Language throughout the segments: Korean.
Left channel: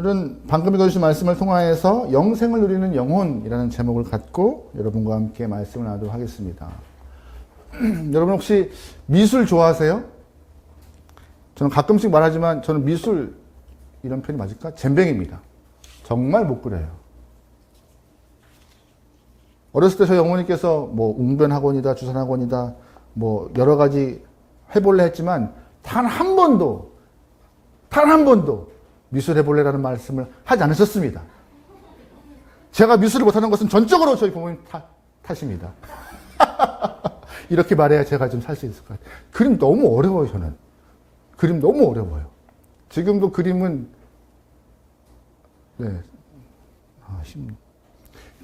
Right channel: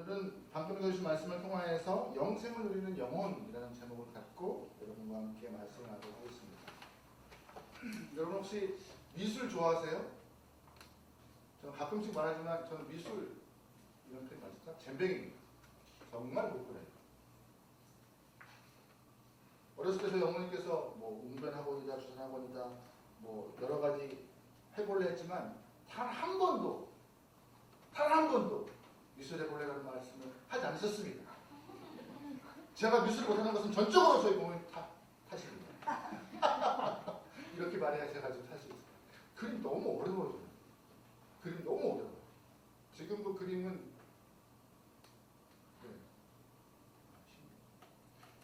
오늘은 방금 읽어주신 말씀을 통하여서 영생을 누리는 영혼이라는 제목을 갖고 여러분과 함께 말씀을 나누도록 하겠습니다. 여러분 혹시 미술 좋아하세요? 저는 가끔씩 말하지만 저는 미술, 이런 표현이 맞을까? 젬병입니다. 정말 못 그려요. 어렸을 때 저희 어머니께서 뭐 웅변학원이다, 주산학원이다, 뭐 여러 가지 해볼래 했지만 단 한 번도 미술 해볼래라는 말씀을 하지 않으셨습니다. 제가 미술을 못하는 것은 전적으로 저희 부모님 탓입니다. 이렇게 말해야 제가 좀 살 수 있을 것 같아요. 그림 너무 어려워요, 저는. 그림 너무 어려워요. 지금도 그림은,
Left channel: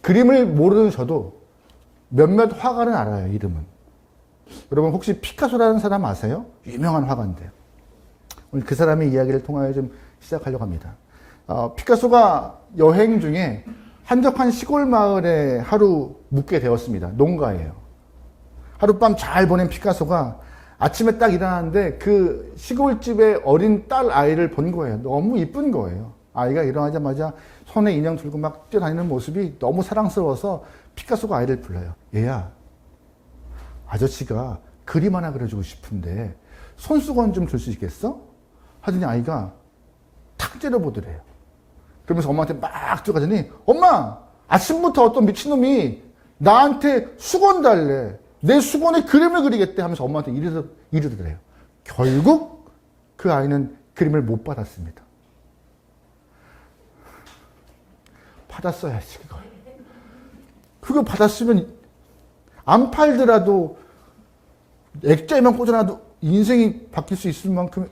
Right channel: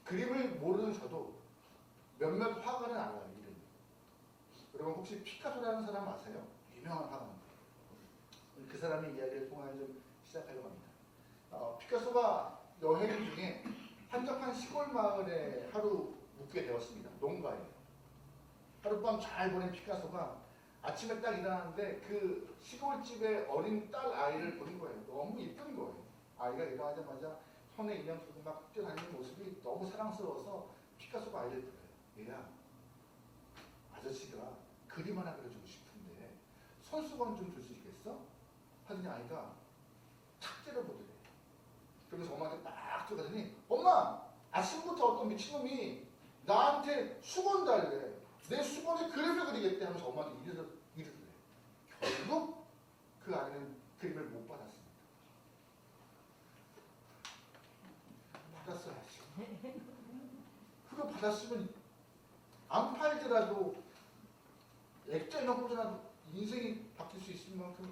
그림을 모르는 저도 몇몇 화가는 알아요, 이름은. 여러분 혹시 피카소라는 사람 아세요? 유명한 화가인데요. 오늘 그 사람의 이야기를 통하여 좀 시작하려고 합니다. 피카소가 여행 중에 한적한 시골 마을에 하루 묵게 되었습니다. 농가예요. 하룻밤 잘 보낸 피카소가 아침에 딱 일어났는데 그 시골집의 어린 딸 아이를 본 거예요. 너무 이쁜 거예요. 아이가 일어나자마자 손에 인형 들고 막 뛰어다니는 모습이 너무 사랑스러워서 피카소가 아이를 불러요. 얘야, 아저씨가 그림 하나 그려주고 싶은데 손수건 좀 줄 수 있겠어? 하더니 아이가 탁 째려보더래요. 그러면서 엄마한테 막 들어가더니 엄마! 아침부터 어떤 미친놈이 나한테 수건 달래. 내 수건에 그림을 그리겠대 하면서 엄마한테 이러더래요. 결국 그 아이는 그림을 못 받았습니다. 받았어야지 그걸. 그거 받았으면 안 팔더라도 액자에만 꽂아놔도 인생이 바뀔 수 있을 만큼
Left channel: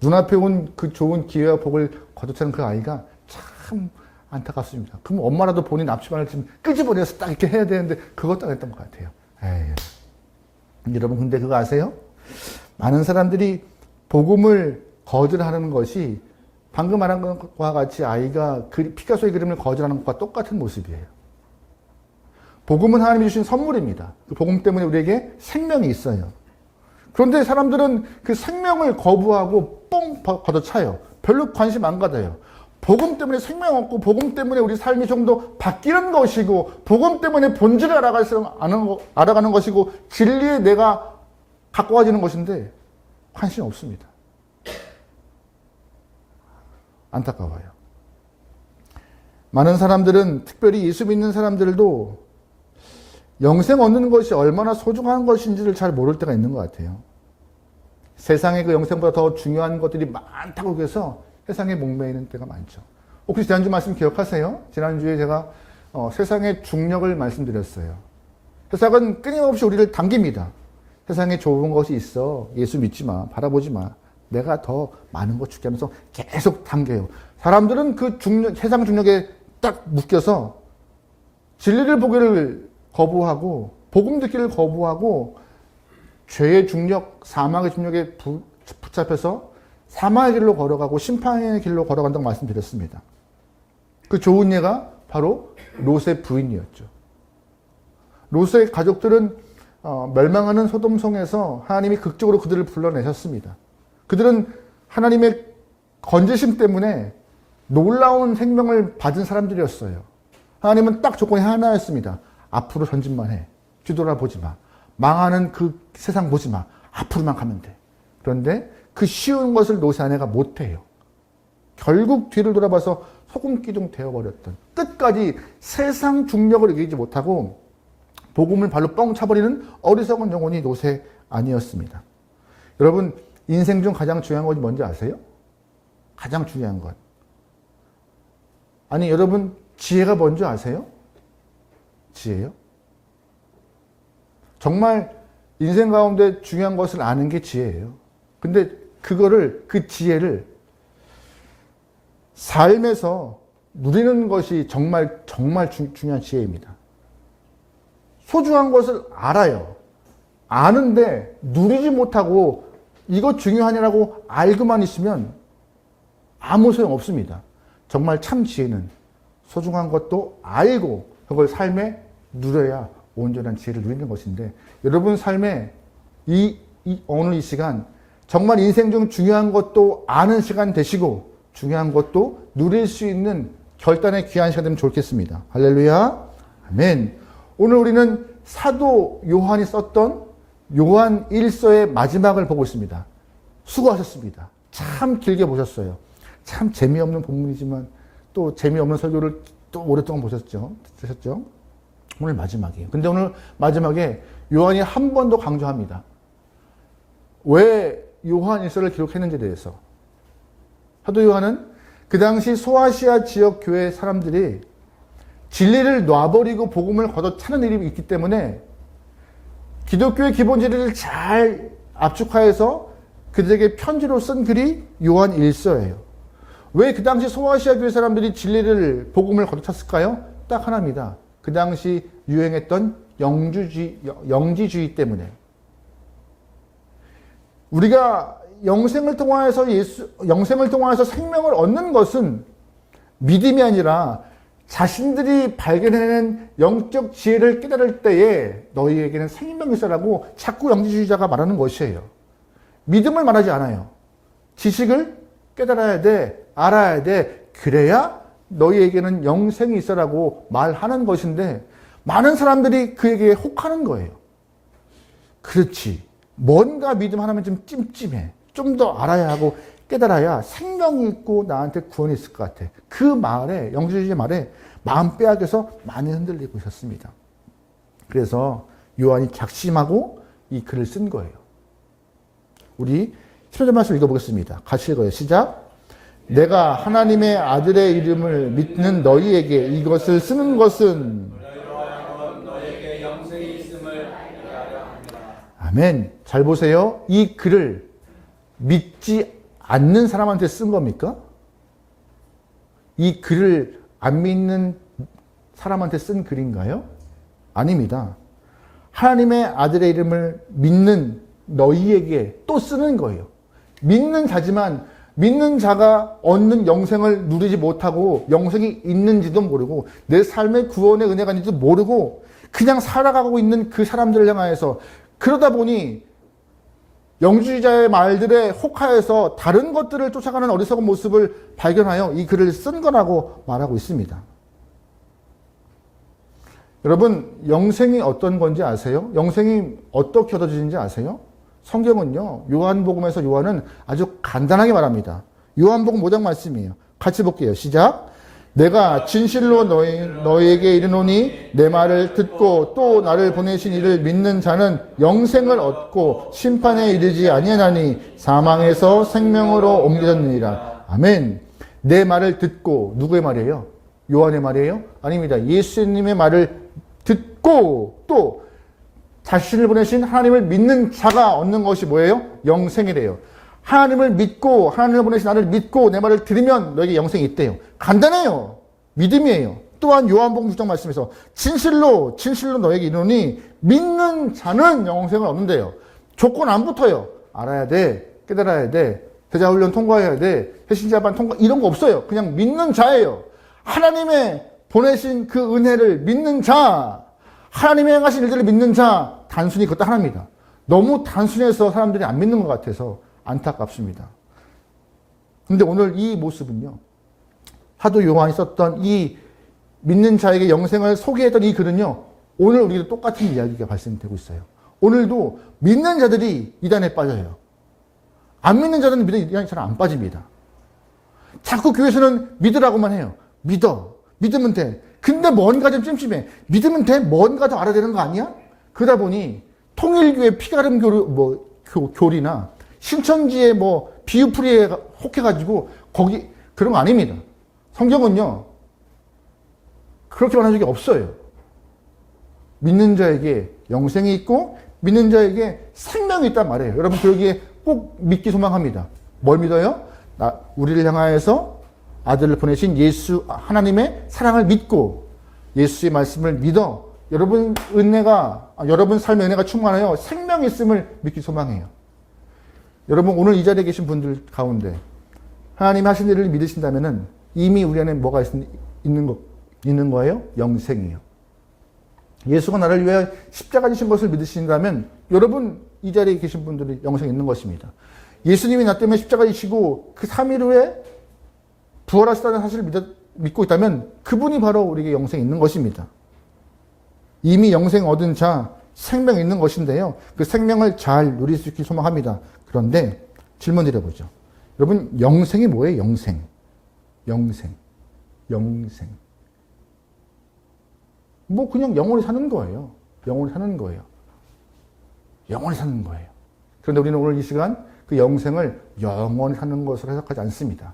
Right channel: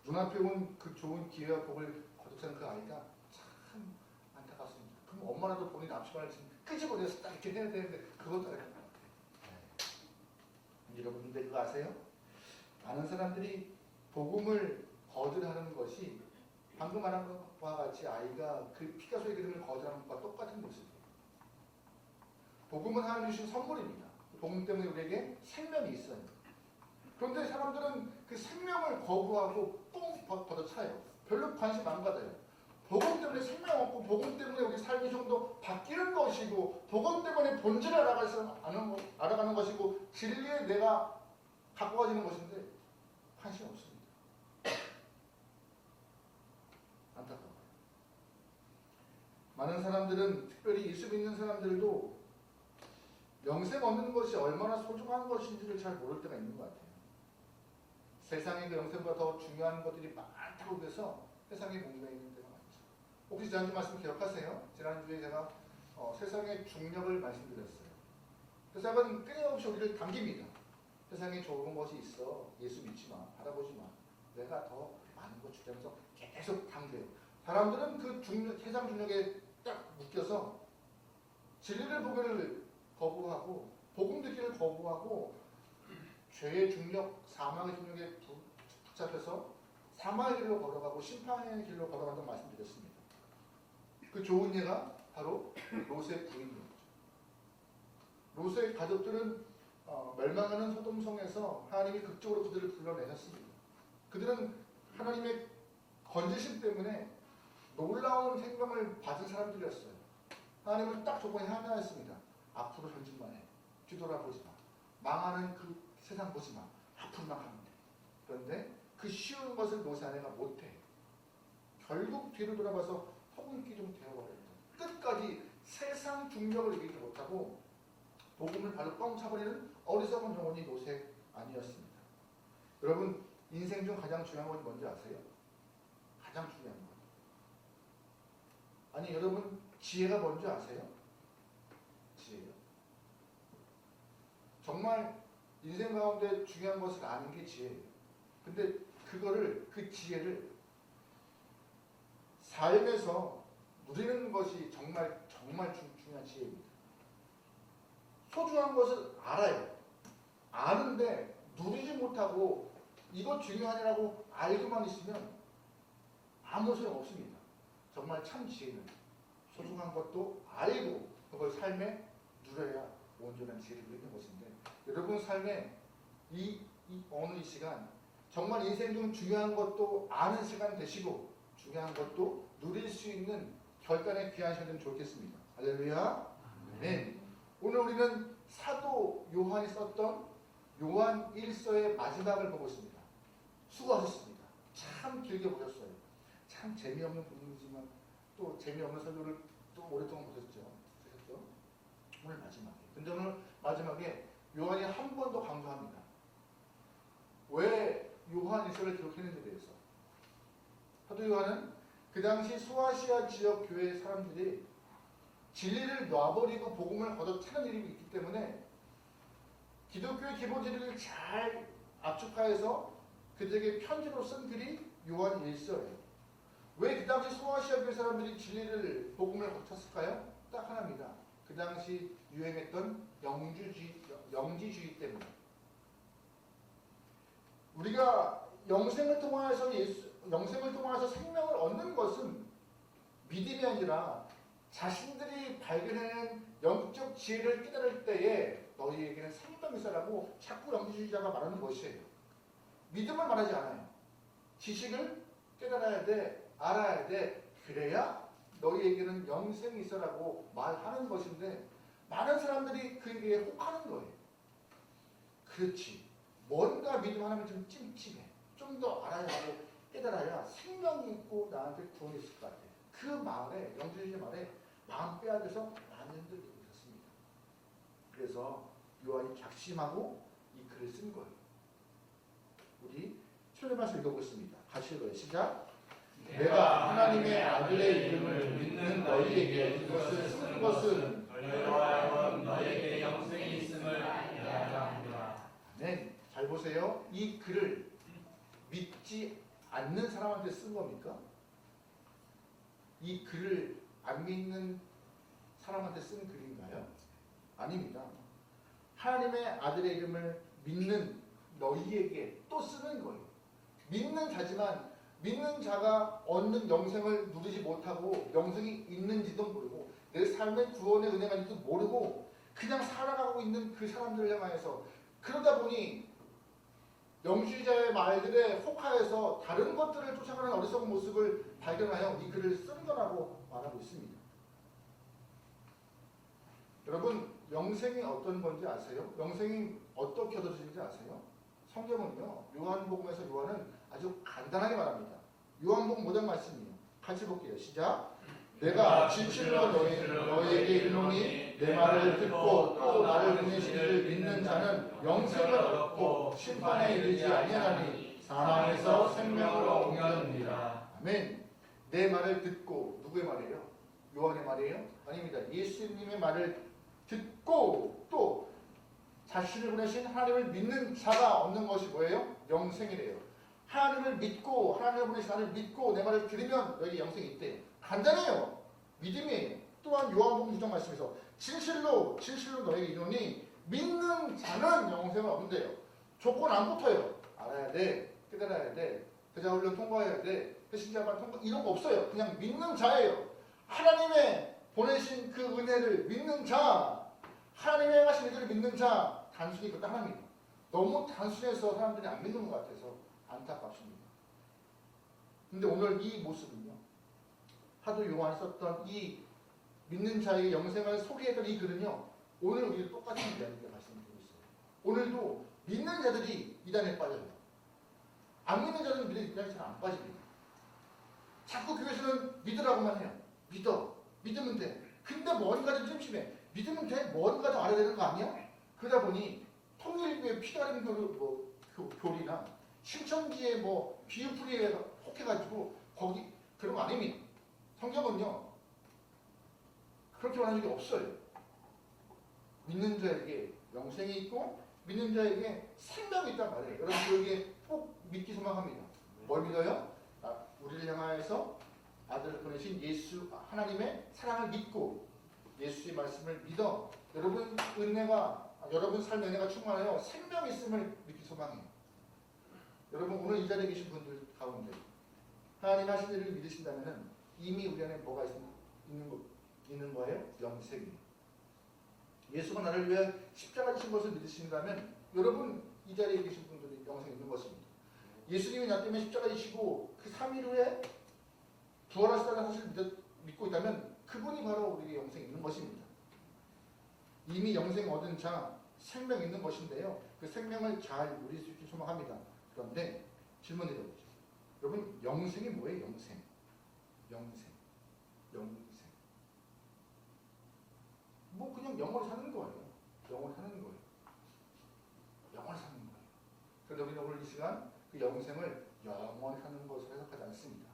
눈앞에 온 그 좋은 기회와 복을 거두지 않은 그 아이가 참 안타깝습니다. 그럼 엄마라도 본인 앞치마를 좀 끄집어내서 딱 이렇게 해야 되는데 그것도 안 했던 것 같아요. 여러분 근데 그거 아세요? 많은 사람들이 복음을 거절하는 것이 방금 말한 것과 같이 아이가 피카소의 그림을 거절하는 것과 똑같은 모습이에요. 복음은 하나님이 주신 선물입니다. 그 복음 때문에 우리에게 생명이 있어요. 그런데 사람들은 그 생명을 거부하고 뻥 걷어차요. 별로 관심 안 가져요. 복음 때문에 생명 없고 복음 때문에 우리 삶이 좀 더 바뀌는 것이고 복음 때문에 본질을 알아가는 것이고 진리에 내가 가까워지는 것인데 관심 없습니다. 안타까워요. 많은 사람들은 특별히 예수 믿는 사람들도 영생 얻는 것이 얼마나 소중한 것인지를 잘 모를 때가 있는 것 같아요. 세상에 그 영생보다 더 중요한 것들이 많다고 해서 세상에 목매이는 때가 많죠. 혹시 지난주 말씀 기억하세요? 지난주에 제가 세상의 중력을 말씀드렸어요. 세상은 끊임없이 우리를 당깁니다. 세상에 좋은 것이 있어. 예수 믿지 마. 바라보지 마. 내가 더 많은 것 줄게 하면서 계속 당겨요. 사람들은 그 세상 중력에 딱 묶여서 진리를 보기를 거부하고 복음 듣기를 거부하고 죄의 중력, 사망의 중력에 붙잡혀서 사망의 길로 걸어가고 심판의 길로 걸어간다고 말씀드렸습니다. 그 좋은 예가 바로 롯의 부인이었죠. 롯의 가족들은 멸망하는 소돔성에서 하나님이 극적으로 그들을 불러내셨습니다. 그들은 하나님의 건재심 때문에 놀라운 생명을 받은 사람들이었어요. 하나님은 딱 조건이 하나였습니다. 앞으로 전진만 해. 뒤돌아보지 마. 망하는 그 세상 보지 마. 앞으로만 가면 돼. 그런데 그 쉬운 것을 롯의 아내가 못해요. 결국 뒤를 돌아봐서 소금기둥 되어버렸던, 끝까지 세상 중력을 이기지 못하고 복음을 발로 뻥 차버리는 어리석은 영혼이 롯의 아내였습니다. 여러분 인생 중 가장 중요한 것이 뭔지 아세요? 가장 중요한 것. 아니 여러분 지혜가 뭔지 아세요? 지혜요? 정말 인생 가운데 중요한 것을 아는 게 지혜예요. 근데 그 지혜를 삶에서 누리는 것이 정말 중요한 지혜입니다. 소중한 것을 알아요. 아는데 누리지 못하고 이거 중요하냐라고 알고만 있으면 아무 소용 없습니다. 정말 참 지혜는 소중한 것도 알고 그걸 삶에 누려야 온전한 지혜를 누리는 것인데 여러분 삶에 오늘 이 시간 정말 인생 중 중요한 것도 아는 시간 되시고 중요한 것도 누릴 수 있는 결단의 귀한 시간 되면 좋겠습니다. 할렐루야. 아멘. 오늘 우리는 사도 요한이 썼던 요한 1서의 마지막을 보고 있습니다. 수고하셨습니다. 참 길게 보셨어요. 참 재미없는 본문이지만 또 재미없는 설교를 또 오랫동안 드셨죠? 오늘 마지막이에요. 근데 오늘 마지막에 요한이 한 번 더 강조합니다. 왜 요한 1서를 기록했는지에 대해서. 사도 요한은 그 당시 소아시아 지역 교회 사람들이 진리를 놔버리고 복음을 걷어차는 일이 있기 때문에 기독교의 기본 진리를 잘 압축하여서 그들에게 편지로 쓴 글이 요한 1서예요. 왜 그 당시 소아시아 교회 사람들이 진리를 복음을 걷어찼을까요? 딱 하나입니다. 그 당시 유행했던 영지주의 때문에. 우리가 영생을 통하여서 생명을 얻는 것은 믿음이 아니라 자신들이 발견해낸 영적 지혜를 깨달을 때에 너희에게는 생명이 있어라고 자꾸 영지주의자가 말하는 것이에요. 믿음을 말하지 않아요. 지식을 깨달아야 돼, 알아야 돼. 그래야 너희에게는 영생이 있어라고 말하는 것인데 많은 사람들이 그에게 혹하는 거예요. 그렇지. 뭔가 믿음 하나면 좀 찜찜해. 좀 더 알아야 하고 깨달아야 생명이 있고 나한테 구원이 있을 것 같아. 그 말에, 영지주의 말에 마음 빼앗겨서 많이 흔들리고 있었습니다. 그래서 요한이 작심하고 이 글을 쓴 거예요. 우리 10절 말씀 읽어보겠습니다. 같이 읽어요. 시작. 내가 하나님의 아들의 이름을 믿는 너희에게 이것을 쓰는 것은 아멘. 잘 보세요. 이 글을 믿지 않는 사람한테 쓴 겁니까? 이 글을 안 믿는 사람한테 쓴 글인가요? 아닙니다. 하나님의 아들의 이름을 믿는 너희에게 또 쓰는 거예요. 믿는 자지만 믿는 자가 얻는 영생을 누리지 못하고 영생이 있는지도 모르고 내 삶의 구원의 은혜가 있는지도 모르고 그냥 살아가고 있는 그 사람들을 향하여서 그러다 보니 영주의자의 말들에 혹하여서 다른 것들을 쫓아가는 어리석은 모습을 발견하여 이 글을 쓴 거라고 말하고 있습니다. 여러분, 영생이 어떤 건지 아세요? 영생이 어떻게 얻어지는지 아세요? 성경은요, 요한복음에서 요한은 아주 간단하게 말합니다. 요한복음 5장 말씀이에요. 같이 볼게요. 시작. 내가 진실로 너희에게 이르노니 내 말을 듣고 또 나를 보내신 이를 믿는 자는 영생을 얻고 심판에 이르지 아니하나니 사망에서 생명으로 옮겨졌느니라. 아멘. 내 말을 듣고 누구의 말이에요? 요한의 말이에요? 아닙니다. 예수님의 말을 듣고 또 자신을 보내신 하나님을 믿는 자가 얻는 것이 뭐예요? 영생이래요. 하나님을 믿고 하나님을 보내신 나를 믿고 내 말을 들으면 너에게 영생이 있대요. 간단해요. 믿음이에요. 또한 요한복음 6장 말씀에서 진실로 너에게 이르노니 믿는 자는 영생을 얻는데요. 조건 안 붙어요. 알아야 돼. 깨달아야 돼. 대자훈련 통과해야 돼. 해신자반 통과 이런 거 없어요. 그냥 믿는 자예요. 하나님의 보내신 그 은혜를 믿는 자, 하나님의 행하신 일들을 믿는 자, 단순히 그것도 하나입니다. 너무 단순해서 사람들이 안 믿는 것 같아서 안타깝습니다. 근데 오늘 이 모습은요, 사도 요한이 썼던 이 믿는 자에게 영생을 소개했던 이 글은요, 오늘 우리도 똑같은 이야기가 발생되고 있어요. 오늘도 믿는 자들이 이단에 빠져요. 안 믿는 자들은 이단에 잘 안 빠집니다. 자꾸 교회에서는 믿으라고만 해요. 믿으면 돼. 근데 뭔가 좀 찜찜해. 믿으면 돼? 뭔가 더 알아야 되는 거 아니야? 그러다 보니 통일교회 피가름 교리나 신천지의 비유풀이에 혹해가지고 거기 그런 거 아닙니다. 성경은요 그렇게 말한 적이 없어요. 믿는 자에게 영생이 있고 믿는 자에게 생명이 있단 말이에요. 여러분 여기에 꼭 믿기 소망합니다. 뭘 믿어요? 우리를 향하여서 아들을 보내신 예수 하나님의 사랑을 믿고 예수의 말씀을 믿어 여러분 삶의 은혜가 충만하여 생명이 있음을 믿기 소망해요. 여러분 오늘 이 자리에 계신 분들 가운데 하나님 하신 일을 믿으신다면은 이미 우리 안에 뭐가 있는 거예요? 영생이에요. 예수가 나를 위해 십자가 지신 것을 믿으신다면 여러분 이 자리에 계신 분들이 영생이 있는 것입니다. 예수님이 나 때문에 십자가 지시고 그 3일 후에 부활하셨다는 사실을 믿고 있다면 그분이 바로 우리에게 영생이 있는 것입니다. 이미 영생 얻은 자, 생명이 있는 것인데요. 그 생명을 잘 누릴 수 있길 소망합니다. 그런데 질문 드려보죠. 여러분, 영생이 뭐예요? 영생. 뭐 그냥 영원히 사는 거예요. 영원히 사는 거예요. 그런데 우리는 오늘 이 시간 그 영생을 영원히 사는 것으로 해석하지 않습니다.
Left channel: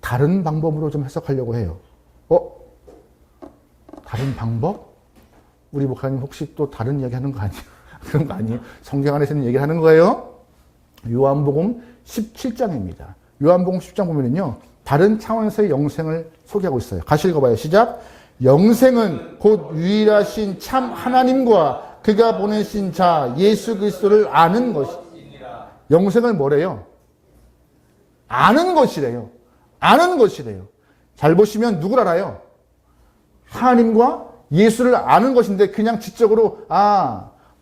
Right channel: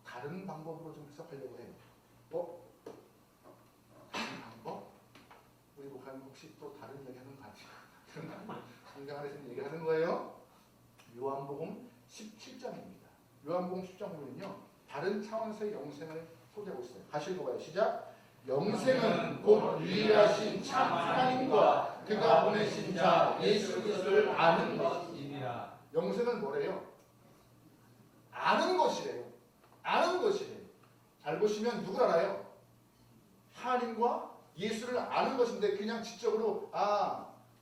다른 방법으로 좀 해석하려고 해요. 다른 방법? 우리 목사님 혹시 또 다른 이야기 하는 거 아니에요? 그런 거 아니에요? 성경 안에서 있는 얘기를 하는 거예요? 요한복음 17장입니다. 요한복음 10장 보면은요, 다른 차원에서의 영생을 소개하고 있어요. 같이 읽어봐요. 시작. 영생은 곧 유일하신 참 하나님과 그가 보내신 자 예수 그리스도를 아는 것이니라. 영생을 뭐래요? 아는 것이래요. 잘 보시면 누굴 알아요? 하나님과 예수를 아는 것인데 그냥 지적으로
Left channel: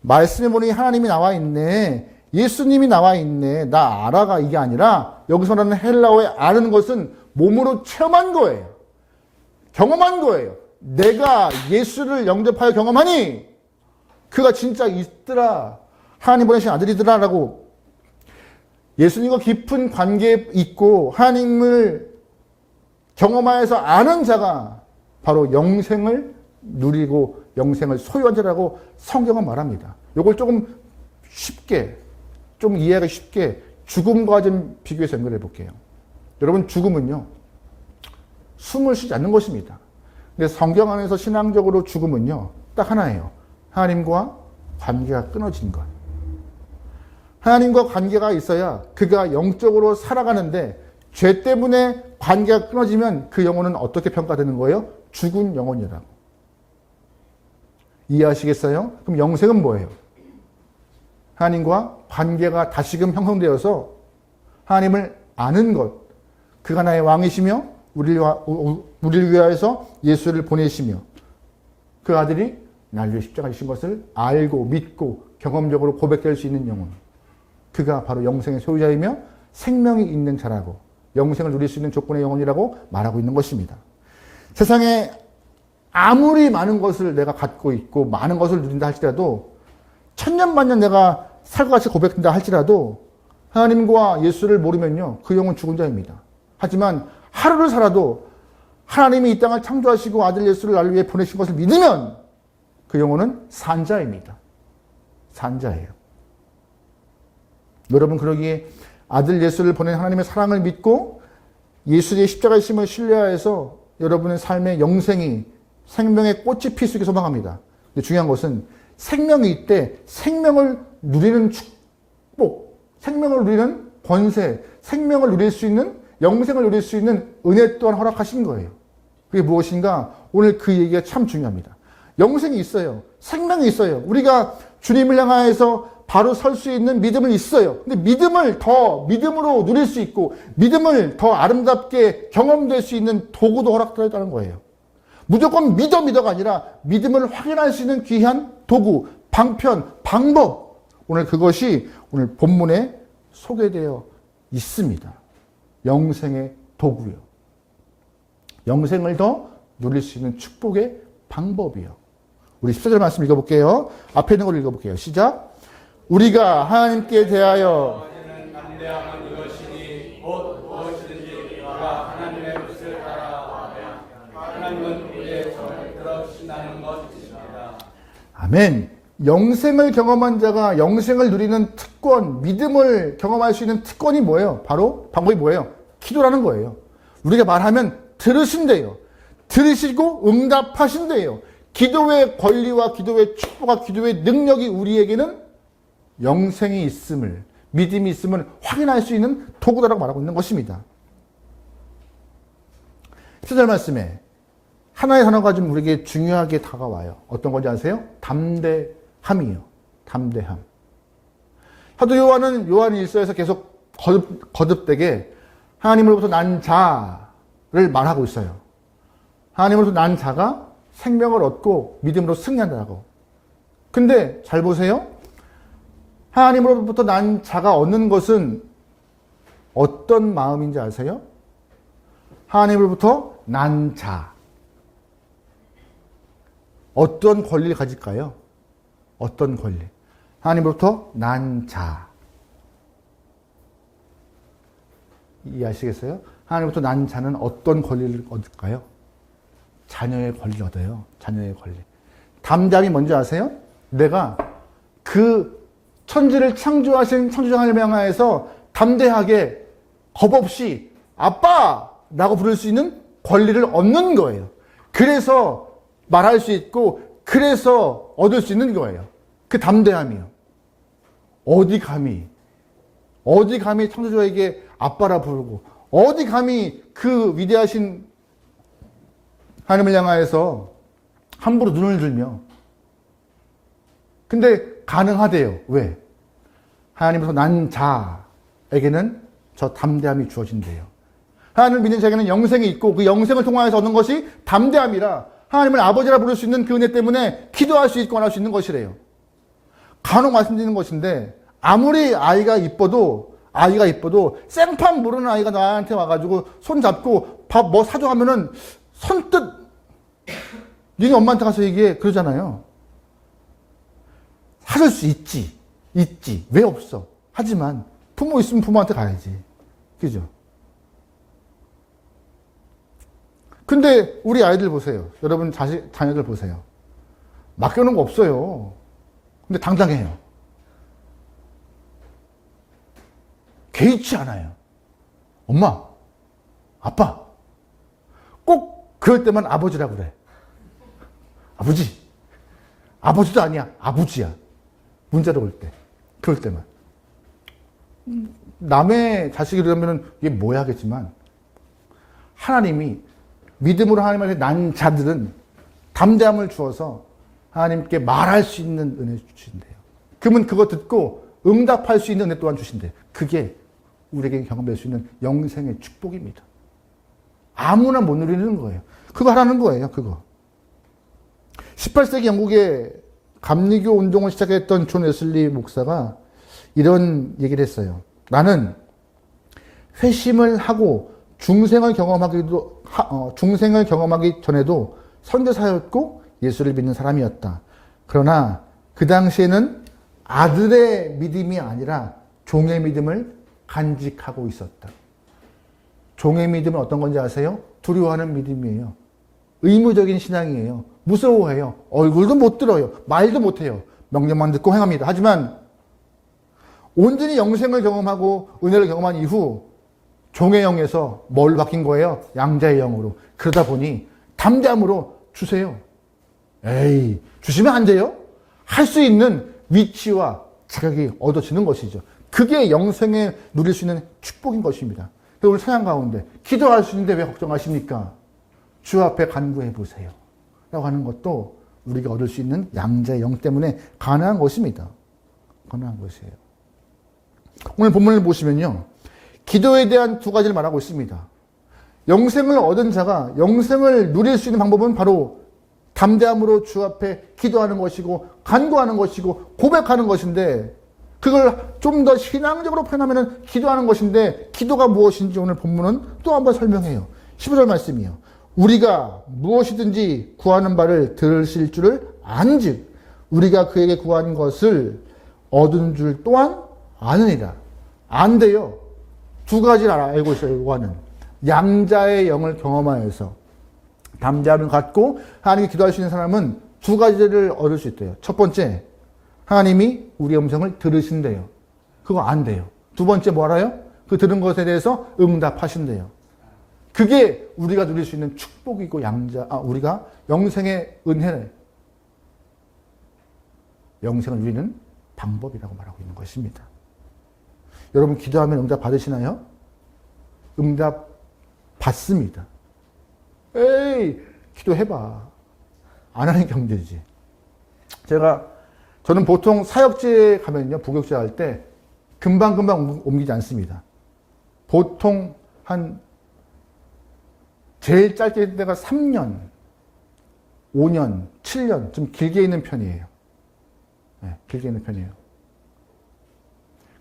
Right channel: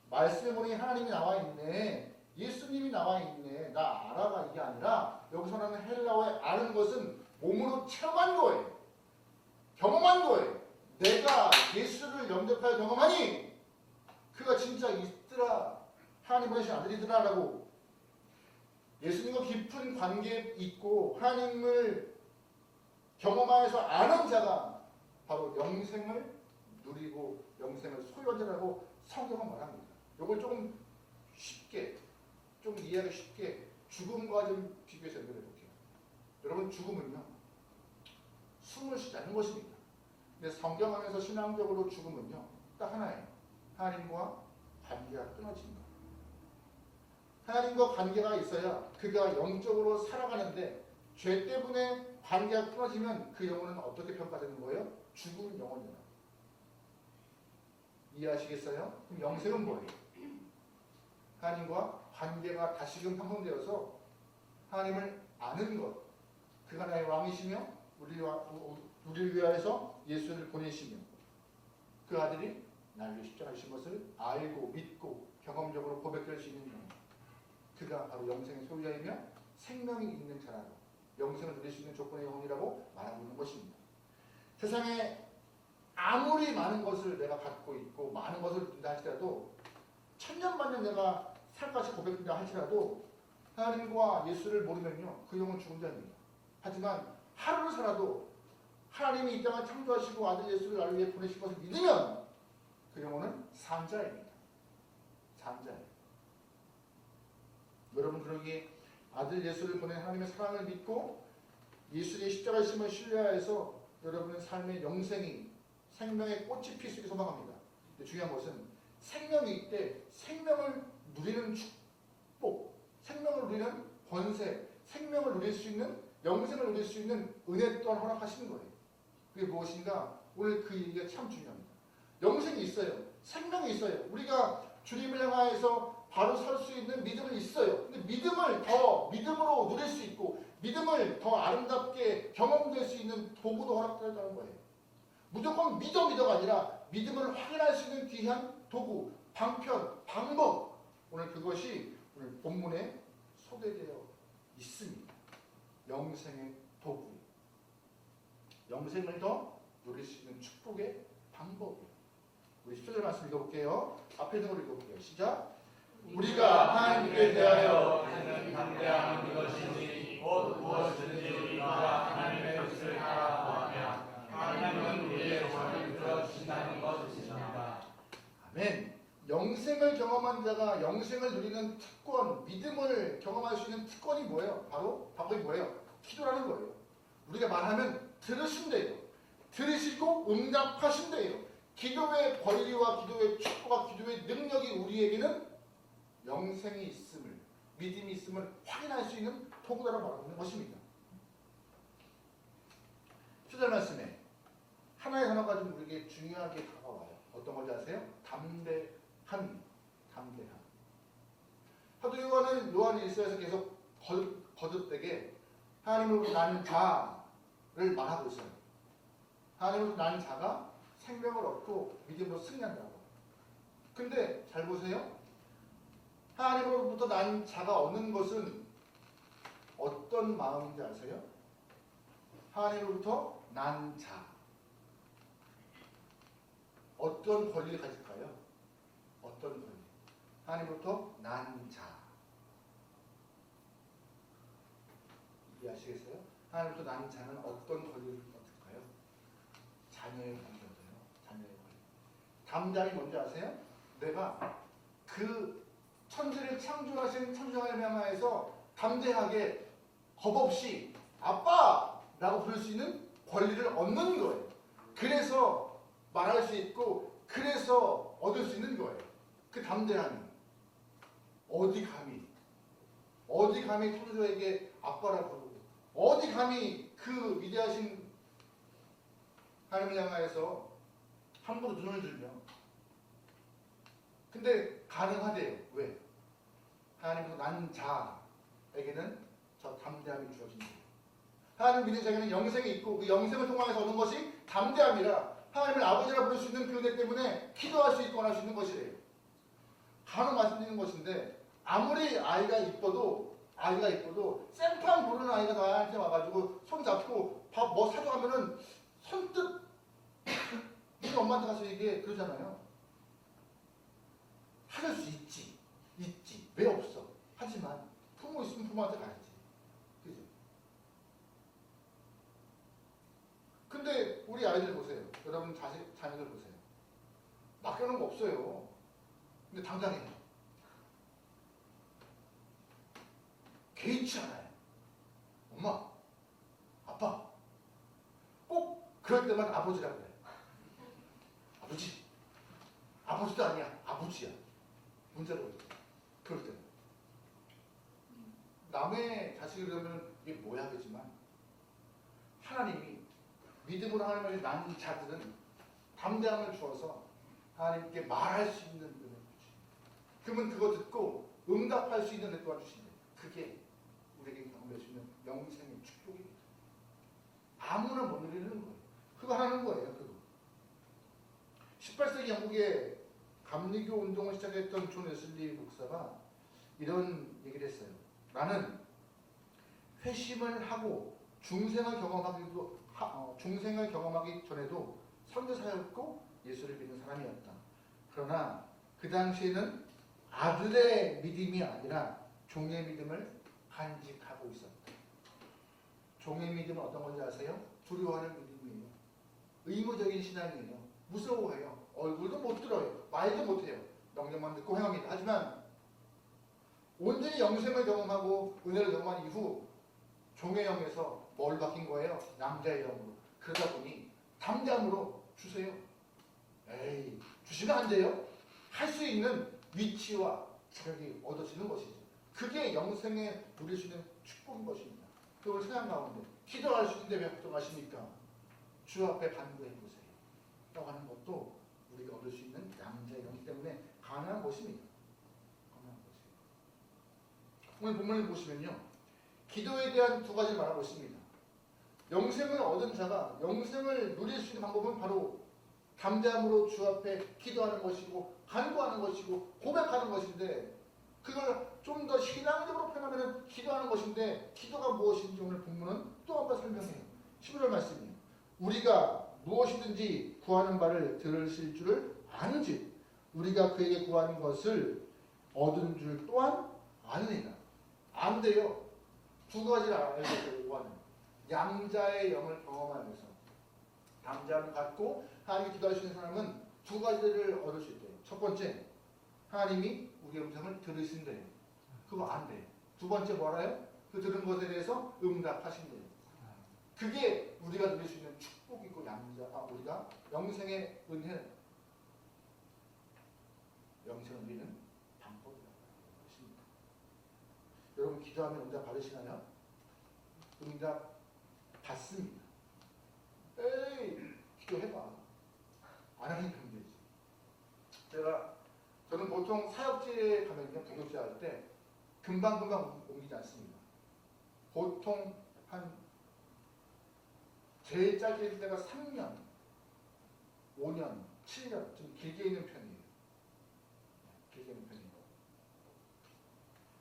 말씀에 보니 하나님이 나와 있네. 예수님이 나와 있네. 나 알아가 이게 아니라 여기서 말하는 헬라어의 아는 것은 몸으로 체험한 거예요. 경험한 거예요. 내가 예수를 영접하여 경험하니 그가 진짜 있더라. 하나님 보내신 아들이더라라고 예수님과 깊은 관계에 있고 하나님을 경험하여서 아는 자가 바로 영생을 누리고 영생을 소유한 자라고 성경은 말합니다. 이걸 조금 쉽게, 좀 이해하기 쉽게 죽음과 좀 비교해서 연결해 볼게요. 여러분, 죽음은요, 숨을 쉬지 않는 것입니다. 근데 성경 안에서 신앙적으로 죽음은요, 딱 하나예요. 하나님과 관계가 끊어진 것. 하나님과 관계가 있어야 그가 영적으로 살아가는데 죄 때문에 관계가 끊어지면 그 영혼은 어떻게 평가되는 거예요? 죽은 영혼이라고. 이해하시겠어요? 그럼 영생은 뭐예요? 하나님과 관계가 다시금 형성되어서 하나님을 아는 것. 그가 나의 왕이시며 우리를 위하여서 예수를 보내시며 그 아들이 나를 위해 십자가에 지신 것을 알고 믿고 경험적으로 고백될 수 있는 영혼. 그가 바로 영생의 소유자이며 생명이 있는 자라고 영생을 누릴 수 있는 조건의 영혼이라고 말하고 있는 것입니다. 세상에 아무리 많은 것을 내가 갖고 있고 많은 것을 누린다 할지라도 천년만년 내가 살과 같이 고백된다 할지라도 하나님과 예수를 모르면요, 그 영혼 죽은 자입니다. 하지만 하루를 살아도 하나님이 이 땅을 창조하시고 아들 예수를 나를 위해 보내신 것을 믿으면 그 영혼은 산 자입니다. 산 자예요. 여러분, 그러기에 아들 예수를 보낸 하나님의 사랑을 믿고 예수의 십자가의 심을 신뢰하여서 여러분의 삶의 영생이 생명의 꽃이 필 수 있게 소망합니다. 근데 중요한 것은 생명이 있대 생명을 누리는 축복, 생명을 누리는 권세, 생명을 누릴 수 있는 영생을 누릴 수 있는 은혜 또한 허락하신 거예요. 그게 무엇인가? 오늘 그 얘기가 참 중요합니다. 영생이 있어요. 생명이 있어요. 우리가 주님을 향하여서 바로 설 수 있는 믿음은 있어요. 근데 믿음을 더 믿음으로 누릴 수 있고 믿음을 더 아름답게 경험될 수 있는 도구도 허락되었다는 거예요. 무조건 믿어가 아니라 믿음을 확인할 수 있는 귀한 도구, 방편, 방법. 오늘 그것이 오늘 본문에 소개되어 있습니다. 영생의 도구요. 영생을 더 누릴 수 있는 축복의 방법이요. 우리 14절 말씀 읽어볼게요. 앞에 있는 걸 읽어볼게요. 시작. 우리가 하나님께 대하여 아멘. 영생을 경험한 자가 영생을 누리는 특권, 믿음을 경험할 수 있는 특권이 뭐예요? 바로 방법이 뭐예요? 기도라는 거예요. 우리가 말하면 들으신대요. 들으시고 응답하신대요. 기도의 권리와 기도의 축복과 기도의 능력이 우리에게는 영생이 있음을, 믿음이 있음을 확인할 수 있는 도구다라고 말하고 있는 것입니다. 17절 말씀에 하나의 단어가 좀 우리에게 중요하게 다가와요. 어떤 건지 아세요? 담대함이요. 담대함. 사도 요한은 요한 일서에서 계속 거듭되게 하나님으로부터 난 자를 말하고 있어요. 하나님으로부터 난 자가 생명을 얻고 믿음으로 승리한다고. 근데 잘 보세요. 하나님으로부터 난 자가 얻는 것은 어떤 마음인지 아세요? 하나님으로부터 난 자. 어떤 권리를 가질까요? 어떤 권리? 하나님으로부터 난 자. 이해하시겠어요? 하나님으로부터 난 자는 어떤 권리를 얻을까요? 자녀의 권리를 얻어요. 자녀의 권리. 담대함이 뭔지 아세요? 내가 그 천지를 창조하신 창조주 하나님을 향하여서 담대하게 겁 없이 아빠라고 부를 수 있는 권리를 얻는 거예요. 그래서 말할 수 있고 그래서 얻을 수 있는 거예요. 그 담대함이요. 어디 감히 창조주에게 아빠라 부르고 어디 감히 그 위대하신 하나님을 향하여서 함부로 눈을 들며. 근데 가능하대요. 왜? 하나님으로부터 난 자에게는 저 담대함이 주어진대요. 하나님을 믿는 자에게는 영생이 있고 그 영생을 통하여서 얻는 것이 담대함이라 하나님을 아버지라 부를 수 있는 그 은혜 때문에 기도할 수 있고 안 할 수 있는 것이래요. 간혹 말씀드리는 것인데 아무리 아이가 이뻐도 생판 모르는 아이가 나한테 와가지고 손 잡고 밥 뭐 사줘 하면은 선뜻 니네 엄마한테 가서 얘기해 그러잖아요. 사줄 수 있지 왜 없어? 하지만 부모 있으면 부모한테 가야지. 그죠? 근데 우리 아이들 보세요. 여러분 자녀들 보세요. 맡겨놓은 거 없어요. 근데 당당해요. 개의치 않아요. 엄마, 아빠. 꼭 그럴 때만 아버지라고 그래. 아버지. 아버지도 아니야. 아버지야. 문자로 올 때. 그럴 때만. 남의 자식이라면 이게 뭐야 하겠지만 하나님이 믿음으로 하나님한테 난 자들은 담대함을 주어서 하나님께 말할 수 있는 은혜 주신대요. 그러면 그거 듣고 응답할 수 있는 은혜 또한 주신대요. 그게 우리에게 경험할 수 있는 영생의 축복입니다. 아무나 못 누리는 거예요. 그거 하라는 거예요. 그거. 18세기 영국의 감리교 운동을 시작했던 존 웨슬리 목사가 이런 얘기를 했어요. 나는 회심을 하고 중생을 경험하기 전에도 선교사였고 예수를 믿는 사람이었다. 그러나 그 당시에는 아들의 믿음이 아니라 종의 믿음을 간직하고 있었다. 종의 믿음은 어떤 건지 아세요? 두려워하는 믿음이에요. 의무적인 신앙이에요. 무서워해요. 얼굴도 못 들어요. 말도 못해요. 명령만 듣고 행합니다. 하지만 온전히 영생을 경험하고 은혜를 경험한 이후 종의 영에서 뭘 바뀐 거예요? 양자의 영으로. 그러다 보니 담대함으로 주세요. 에이, 주시면 안 돼요? 할 수 있는 위치와 자격이 얻어지는 것이죠. 그게 영생에 누릴 수 있는 축복인 것입니다. 오늘 찬양 가운데 기도할 수 있는데 왜 걱정하십니까? 주 앞에 간구해 보세요. 라고 하는 것도 우리가 얻을 수 있는 양자의 영 때문에 가능한 것입니다. 가능한 것이에요. 오늘 본문을 보시면요. 기도에 대한 두 가지를 말하고 있습니다. 영생을 얻은 자가 영생을 누릴 수 있는 방법은 바로 담대함으로 주 앞에 기도하는 것이고 간구하는 것이고 고백하는 것인데 그걸 좀 더 신앙적으로 표현하면 기도하는 것인데 기도가 무엇인지 오늘 본문은 또 한번 설명해요. 15절 말씀이요. 우리가 무엇이든지 구하는 바를 들으실 줄을 안즉 우리가 그에게 구한 것을 얻은 줄 또한 아느니라. 안 돼요. 두 가지를 알고 있어요. 요한은 양자의 영을 경험하여서 담대함을 갖고 하나님께 기도할 수 있는 사람은 두 가지를 얻을 수 있대요. 첫 번째, 하나님이 우리의 음성을 들으신대요. 그거 안 돼요. 두 번째 뭐 알아요? 그 들은 것에 대해서 응답하신대요. 그게 우리가 누릴 수 있는 축복이고 우리가 영생의 은혜를 영생을 누리는 방법이라고 말하고 있는 것입니다. 여러분 기도하면 응답 받으시나요? 응답 받습니다. 에이, 기도해봐. 안 하는 게 문제지. 저는 보통 사역지에 가면요, 부교육자 할 때 금방금방 옮기지 않습니다. 보통 제일 짧게 때가 3년, 5년, 7년, 좀 길게 있는 편이에요. 네, 길게 있는 편이에요.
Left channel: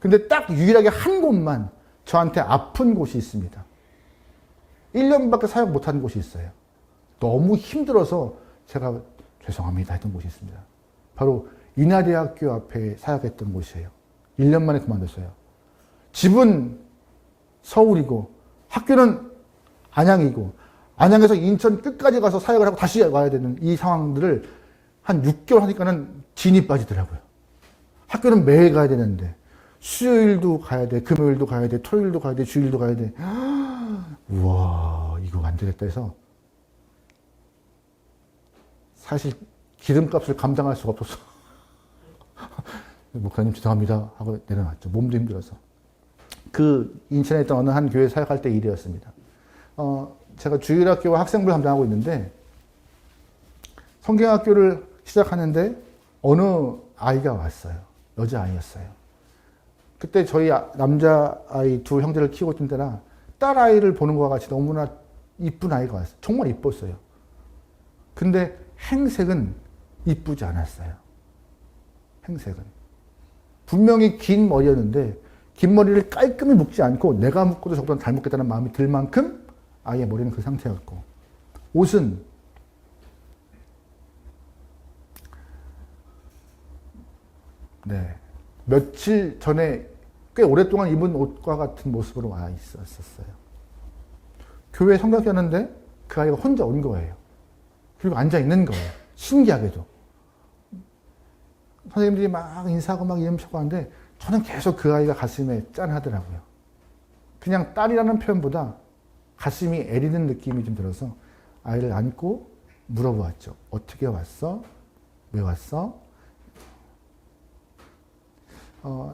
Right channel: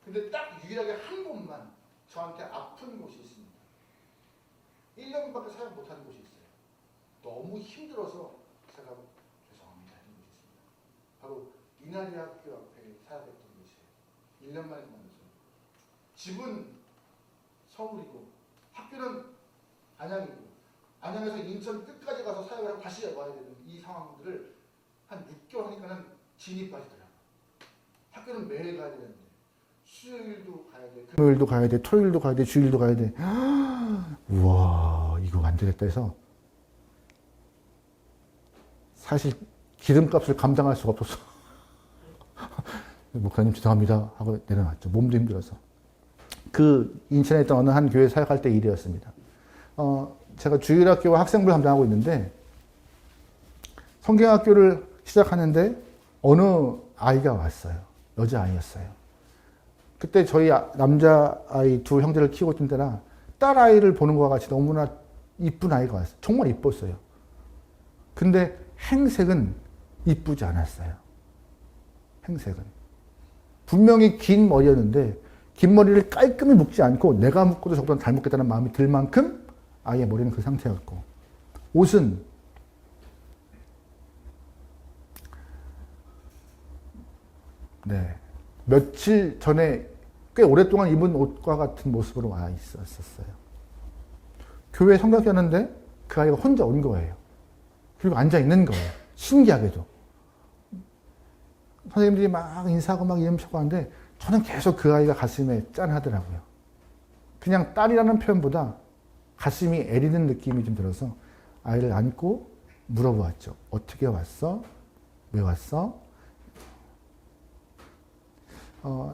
근데 딱 유일하게 한 곳만 저한테 아픈 곳이 있습니다. 1년밖에 사역 못한 곳이 있어요. 너무 힘들어서 제가 죄송합니다 했던 곳이 있습니다. 바로 인하대학교 앞에 사역했던 곳이에요. 1년 만에 그만뒀어요. 집은 서울이고 학교는 안양이고 안양에서 인천 끝까지 가서 사역을 하고 다시 와야 되는 이 상황들을 한 6개월 하니까는 진이 빠지더라고요. 학교는 매일 가야 되는데 수요일도 가야 돼, 금요일도 가야 돼, 토요일도 가야 돼, 주일도 가야 돼. 우와, 이거 안 되겠다 해서 사실 기름값을 감당할 수가 없어서 목사님 죄송합니다 하고 내려놨죠. 몸도 힘들어서. 그 인천에 있던 어느 한 교회 사역할 때 일이었습니다. 제가 주일학교와 학생부를 담당하고 있는데 성경학교를 시작하는데 어느 아이가 왔어요. 여자아이였어요. 그때 저희 남자아이 두 형제를 키우고 있던 때라 딸아이를 보는 것과 같이 너무나 이쁜 아이가 왔어요. 정말 이뻤어요. 근데 행색은 이쁘지 않았어요. 행색은. 분명히 긴 머리였는데 긴 머리를 깔끔히 묶지 않고 내가 묶어도 저보다 잘 묶겠다는 마음이 들 만큼 아이의 머리는 그 상태였고 옷은 네, 며칠 전에 꽤 오랫동안 입은 옷과 같은 모습으로 와 있었어요. 교회에 성경학교 하는데 그 아이가 혼자 온 거예요. 그리고 앉아 있는 거예요. 신기하게도. 선생님들이 막 인사하고 막 이름표고 하는데 저는 계속 그 아이가 가슴에 짠하더라고요. 그냥 딸이라는 표현보다 가슴이 애리는 느낌이 좀 들어서 아이를 안고 물어보았죠. 어떻게 왔어? 왜 왔어?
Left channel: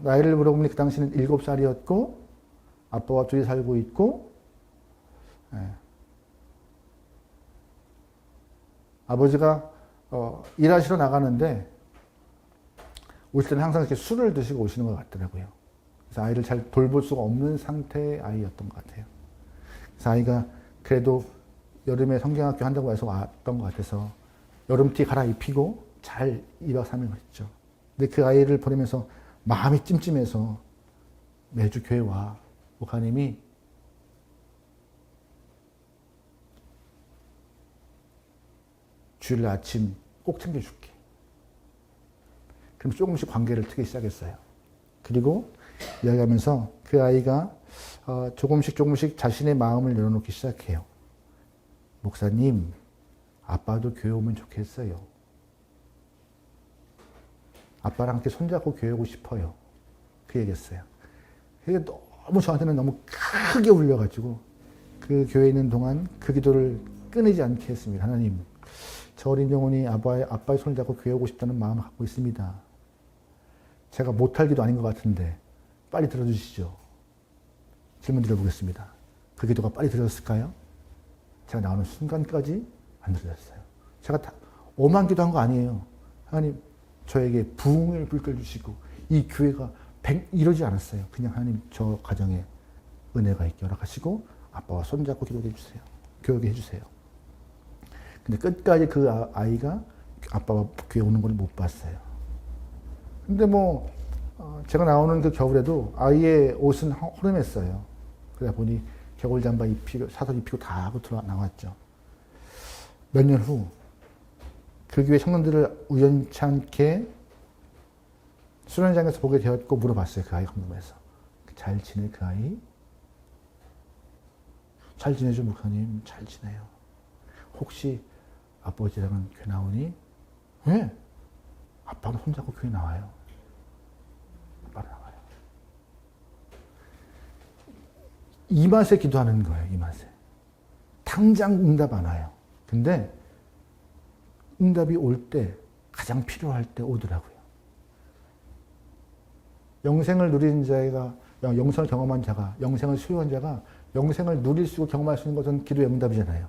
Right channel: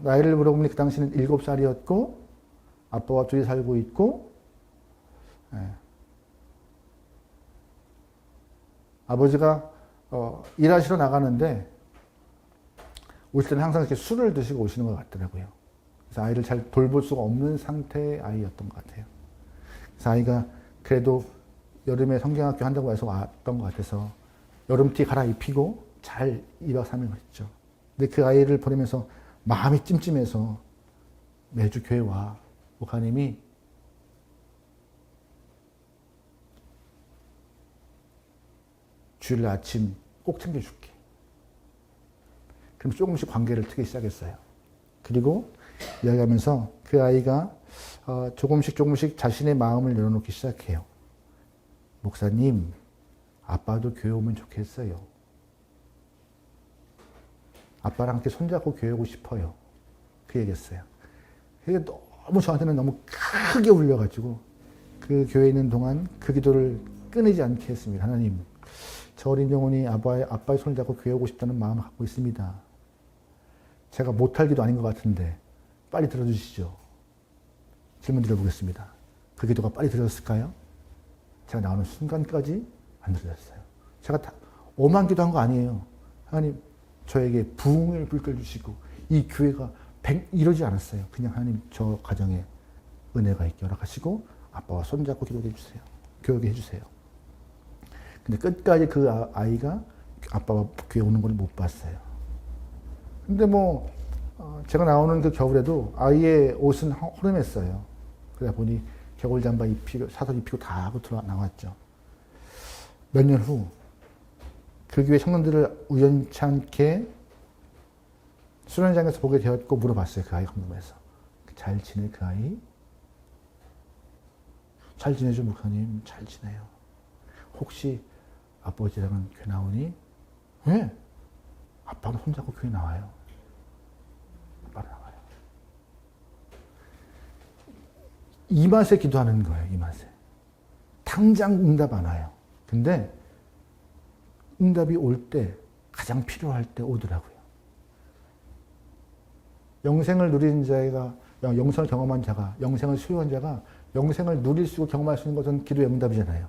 나이를 물어보니 그 당시는 7살이었고 아빠와 둘이 살고 있고 아버지가 일하시러 나가는데 오실 때는 항상 이렇게 술을 드시고 오시는 것 같더라고요. 그래서 아이를 잘 돌볼 수가 없는 상태의 아이였던 것 같아요. 그래서 아이가 그래도 여름에 성경학교 한다고 해서 왔던 것 같아서 여름티 갈아입히고 잘 2박 3일 했죠. 근데 그 아이를 보내면서 마음이 찜찜해서 매주 교회 와. 목사님이 주일 아침 꼭 챙겨줄게. 그럼 조금씩 관계를 트기 시작했어요. 그리고 이야기하면서 그 아이가 조금씩 자신의 마음을 열어놓기 시작해요. 목사님, 아빠도 교회 오면 좋겠어요. 아빠랑 함께 손잡고 교회 오고 싶어요. 그 얘기했어요. 그게 너무 저한테는 너무 크게 울려가지고 그 교회에 있는 동안 그 기도를 끊이지 않게 했습니다. 하나님, 저 어린 영혼이 아빠의 손을 잡고 교회 오고 싶다는 마음을 갖고 있습니다. 제가 못할 기도 아닌 것 같은데 빨리 들어주시죠. 질문 드려보겠습니다. 그 기도가 빨리 들어졌을까요? 제가 나오는 순간까지 안 들어졌어요. 제가 다 오만 기도한 거 아니에요. 하나님, 저에게 부흥을 불끌 주시고 이 교회가 이러지 않았어요. 그냥 하나님 저 가정에 은혜가 있게 허락하시고 아빠와 손잡고 기도해 주세요. 교육해 주세요. 근데 끝까지 그 아이가 아빠가 교회 오는 걸 못 봤어요. 근데 뭐 제가 나오는 그 겨울에도 아이의 옷은 허름했어요. 그러다 보니 겨울 잠바 입히고 사설 입히고 다 하고 나왔죠. 몇 년 후 그 교회 청년들을 우연찮게 수련장에서 보게 되었고 물어봤어요. 그 아이 궁금해서. 잘 지내 그 아이? 잘 지내죠 목사님. 잘 지내요. 혹시 아버지랑은 교회 나오니? 왜? 아빠는 손잡고 교회 나와요. 아빠는 나와요. 이 맛에 기도하는 거예요. 이 맛에. 당장 응답 안 와요. 근데 응답이 올 때 가장 필요할 때 오더라고요. 영생을 누린 자가, 영생을 경험한 자가, 영생을 수요한 자가 영생을 누릴 수 있고 경험할 수 있는 것은 기도의 응답이잖아요.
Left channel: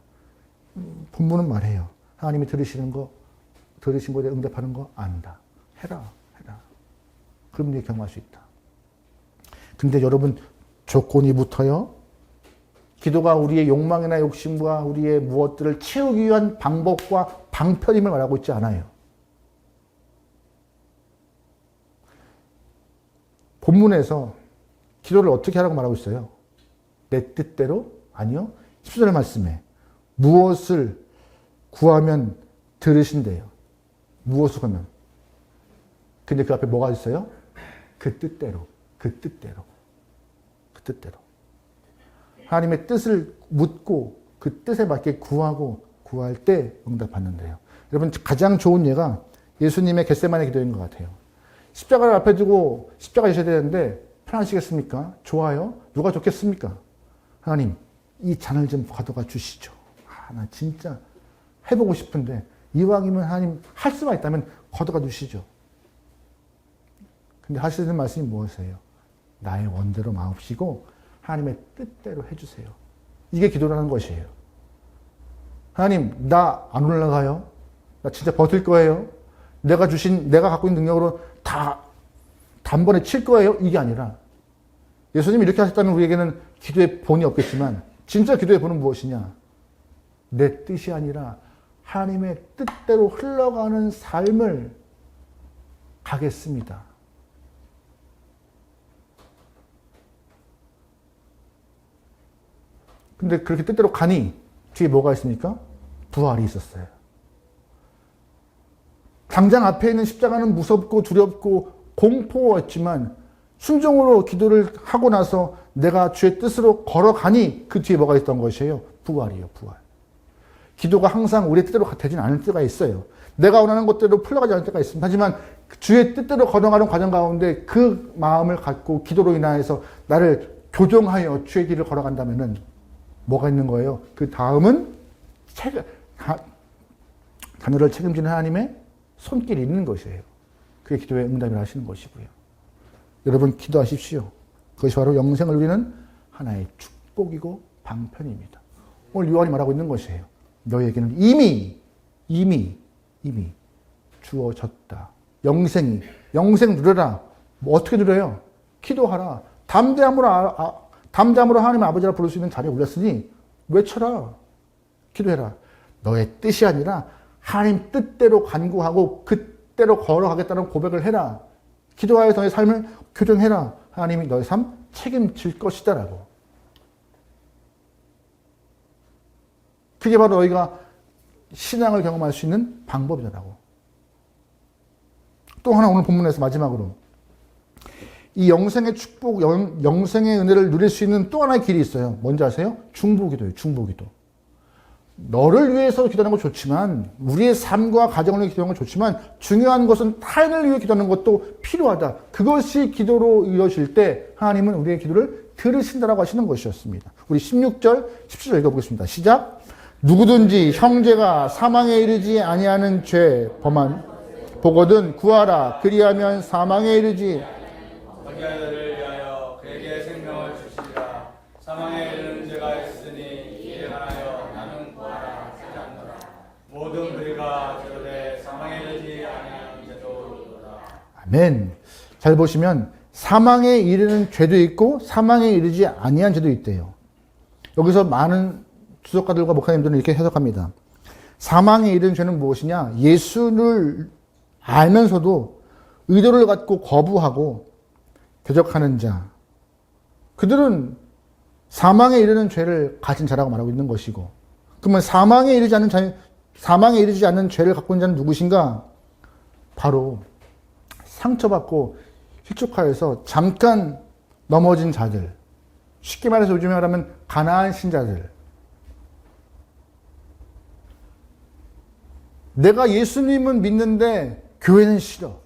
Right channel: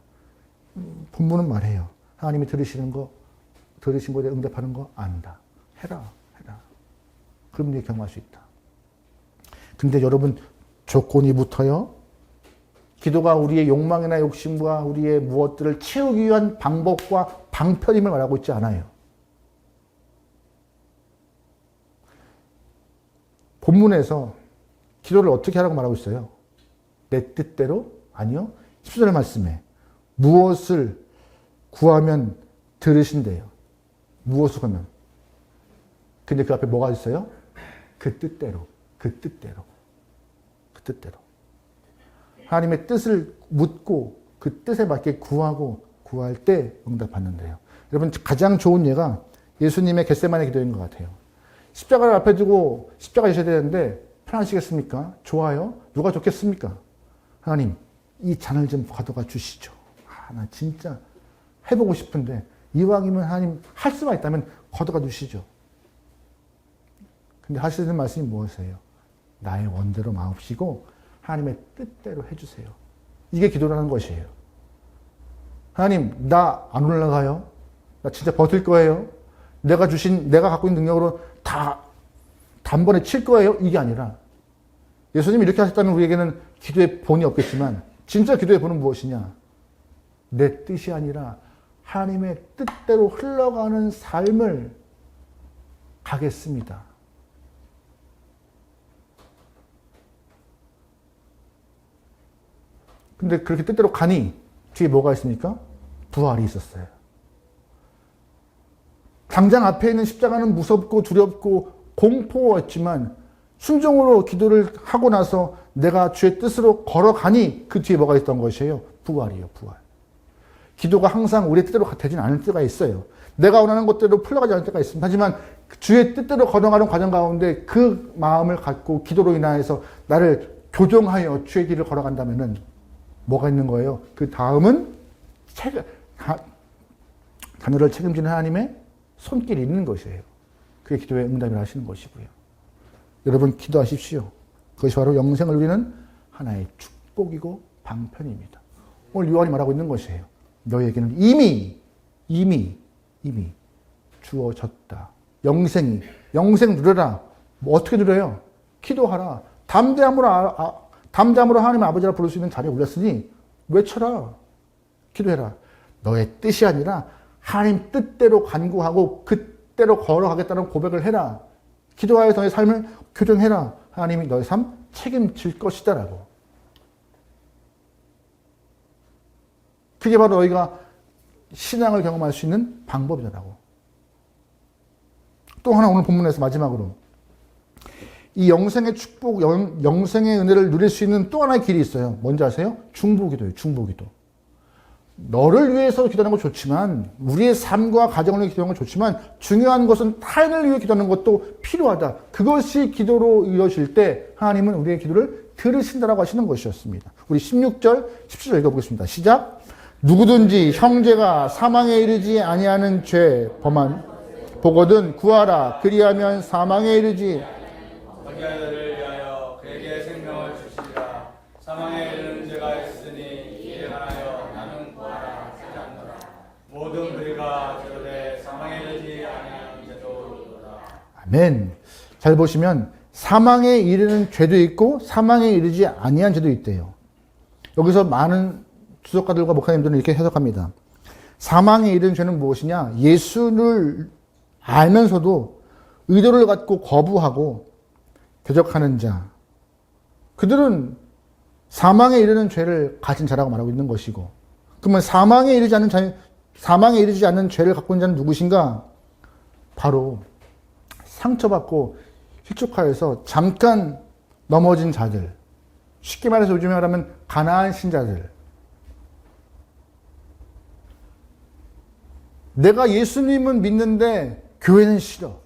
본문은 말해요. 하나님이 들으신 거에 응답하는 거 안다. 해라. 그럼 네가 경험할 수 있다. 근데 여러분 조건이 붙어요. 기도가 우리의 욕망이나 욕심과 우리의 무엇들을 채우기 위한 방법과 방편임을 말하고 있지 않아요. 본문에서 기도를 어떻게 하라고 말하고 있어요? 내 뜻대로? 아니요. 10절 말씀에 무엇을 구하면 들으신대요. 무엇을 구하면. 근데 그 앞에 뭐가 있어요? 그 뜻대로. 하나님의 뜻을 묻고 그 뜻에 맞게 구할 때 응답받는데요. 여러분 가장 좋은 예가 예수님의 겟세마네 기도인 것 같아요. 십자가를 앞에 두고 십자가 지셔야 되는데 편하시겠습니까? 좋아요? 누가 좋겠습니까? 하나님 이 잔을 좀 가져가 주시죠. 나 진짜 해보고 싶은데 이왕이면 하나님 할 수가 있다면 가져가 주시죠. 근데 하시는 말씀이 무엇이에요? 나의 원대로 마옵시고 하나님의 뜻대로 해주세요. 이게 기도라는 것이에요. 하나님 나 안 올라가요? 나 진짜 버틸 거예요? 내가 갖고 있는 능력으로 다 단번에 칠 거예요? 이게 아니라 예수님이 이렇게 하셨다면 우리에게는 기도의 본이 없겠지만 진짜 기도의 본은 무엇이냐? 내 뜻이 아니라 하나님의 뜻대로 흘러가는 삶을 가겠습니다. 근데 그렇게 뜻대로 가니 뒤에 뭐가 있습니까? 부활이 있었어요. 당장 앞에 있는 십자가는 무섭고 두렵고 공포였지만 순종으로 기도를 하고 나서 내가 주의 뜻으로 걸어가니 그 뒤에 뭐가 있던 것이에요? 부활이에요, 부활. 기도가 항상 우리의 뜻대로 되진 않을 때가 있어요. 내가 원하는 것대로 풀려가지 않을 때가 있습니다. 하지만 주의 뜻대로 걸어가는 과정 가운데 그 마음을 갖고 기도로 인하여서 나를 교정하여 주의 길을 걸어간다면은 뭐가 있는 거예요? 그 다음은 자녀를 책임지는 하나님의 손길이 있는 것이에요. 그게 기도의 응답을 하시는 것이고요. 여러분 기도하십시오. 그것이 바로 영생을 누리는 하나의 축복이고 방편입니다. 오늘 요한이 말하고 있는 것이에요. 너희에게는 이미 주어졌다. 영생 누려라. 뭐 어떻게 누려요? 기도하라. 담대함으로 하나님 아버지라 부를 수 있는 자리에 올렸으니 외쳐라. 기도해라. 너의 뜻이 아니라 하나님 뜻대로 간구하고 그대로 걸어가겠다는 고백을 해라. 기도하여 너의 삶을 교정해라. 하나님이 너의 삶 책임질 것이다 라고. 그게 바로 너희가 신앙을 경험할 수 있는 방법이라고. 또 하나 오늘 본문에서 마지막으로 이 영생의 축복, 영생의 은혜를 누릴 수 있는 또 하나의 길이 있어요. 뭔지 아세요? 중보기도예요. 중보기도. 너를 위해서 기도하는 건 좋지만 우리의 삶과 가정을 위해 기도하는 건 좋지만 중요한 것은 타인을 위해 기도하는 것도 필요하다. 그것이 기도로 이루어질 때 하나님은 우리의 기도를 들으신다라고 하시는 것이었습니다. 우리 16절, 17절 읽어보겠습니다. 시작. 누구든지 형제가 사망에 이르지 아니하는 죄 범한 보거든 구하라. 그리하면 사망에 이르지 자기를 위하여 그에게 생명을 주시리라. 사망에 이르는 죄가 있으니 이에 관하여 나는 구하라 하지 않노라. 모든 그리가 죄로되 사망에 이르지 아니하는 죄도 있노라. 아멘. 잘 보시면 사망에 이르는 죄도 있고 사망에 이르지 아니한 죄도 있대요. 여기서 많은 주석가들과 목사님들은 이렇게 해석합니다. 사망에 이르는 죄는 무엇이냐? 예수를 알면서도 의도를 갖고 거부하고 대적하는 자. 그들은 사망에 이르는 죄를 가진 자라고 말하고 있는 것이고, 그러면 사망에 이르지 않는 죄를 갖고 있는 자는 누구신가? 바로 상처받고 휘축하여서 잠깐 넘어진 자들. 쉽게 말해서 요즘에 말하면 가나안 신자들. 내가 예수님은 믿는데 교회는 싫어.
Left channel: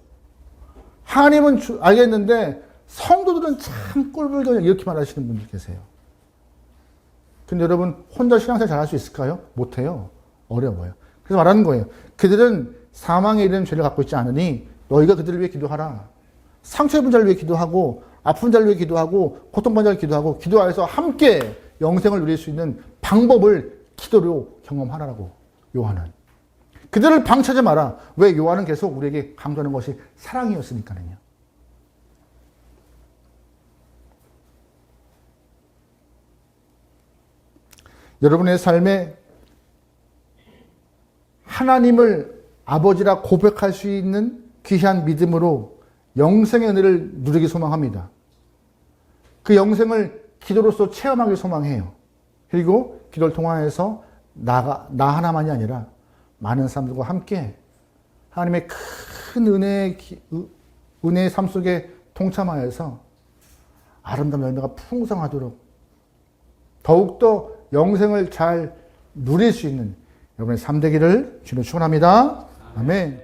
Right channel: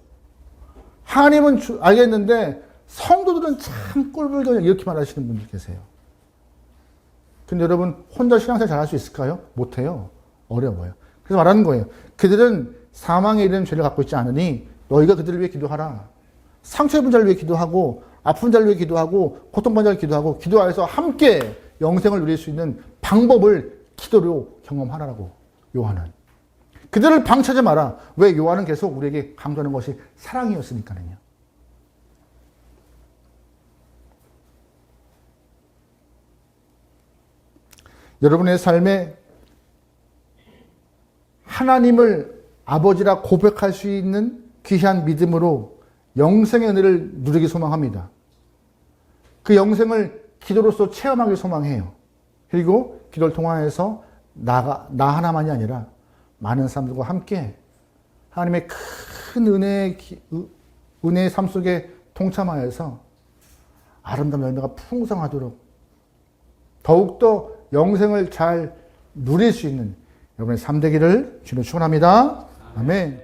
하나님은 알겠는데 성도들은 참 꼴불견 이렇게 말하시는 분들 계세요. 근데 여러분 혼자 신앙생활 잘할 수 있을까요? 못해요. 어려워요. 그래서 말하는 거예요. 그들은 사망에 이르는 죄를 갖고 있지 않으니 너희가 그들을 위해 기도하라. 상처 입은 자를 위해 기도하고 아픈 자를 위해 기도하고 고통받은 자를 기도하고 기도하여서 함께 영생을 누릴 수 있는 방법을 기도로 경험하라고 요한은. 그들을 방치하지 마라. 왜? 요한은 계속 우리에게 강조하는 것이 사랑이었으니까요. 여러분의 삶에 하나님을 아버지라 고백할 수 있는 귀한 믿음으로 영생의 은혜를 누리기 소망합니다. 그 영생을 기도로서 체험하기 소망해요. 그리고 기도를 통하여서 나 하나만이 아니라 많은 사람들과 함께 하나님의 큰 은혜의 삶 속에 통참하여서 아름다운 열매가 풍성하도록 더욱더 영생을 잘 누릴 수 있는 여러분의 삶 되기를 주로 축원합니다. 아멘.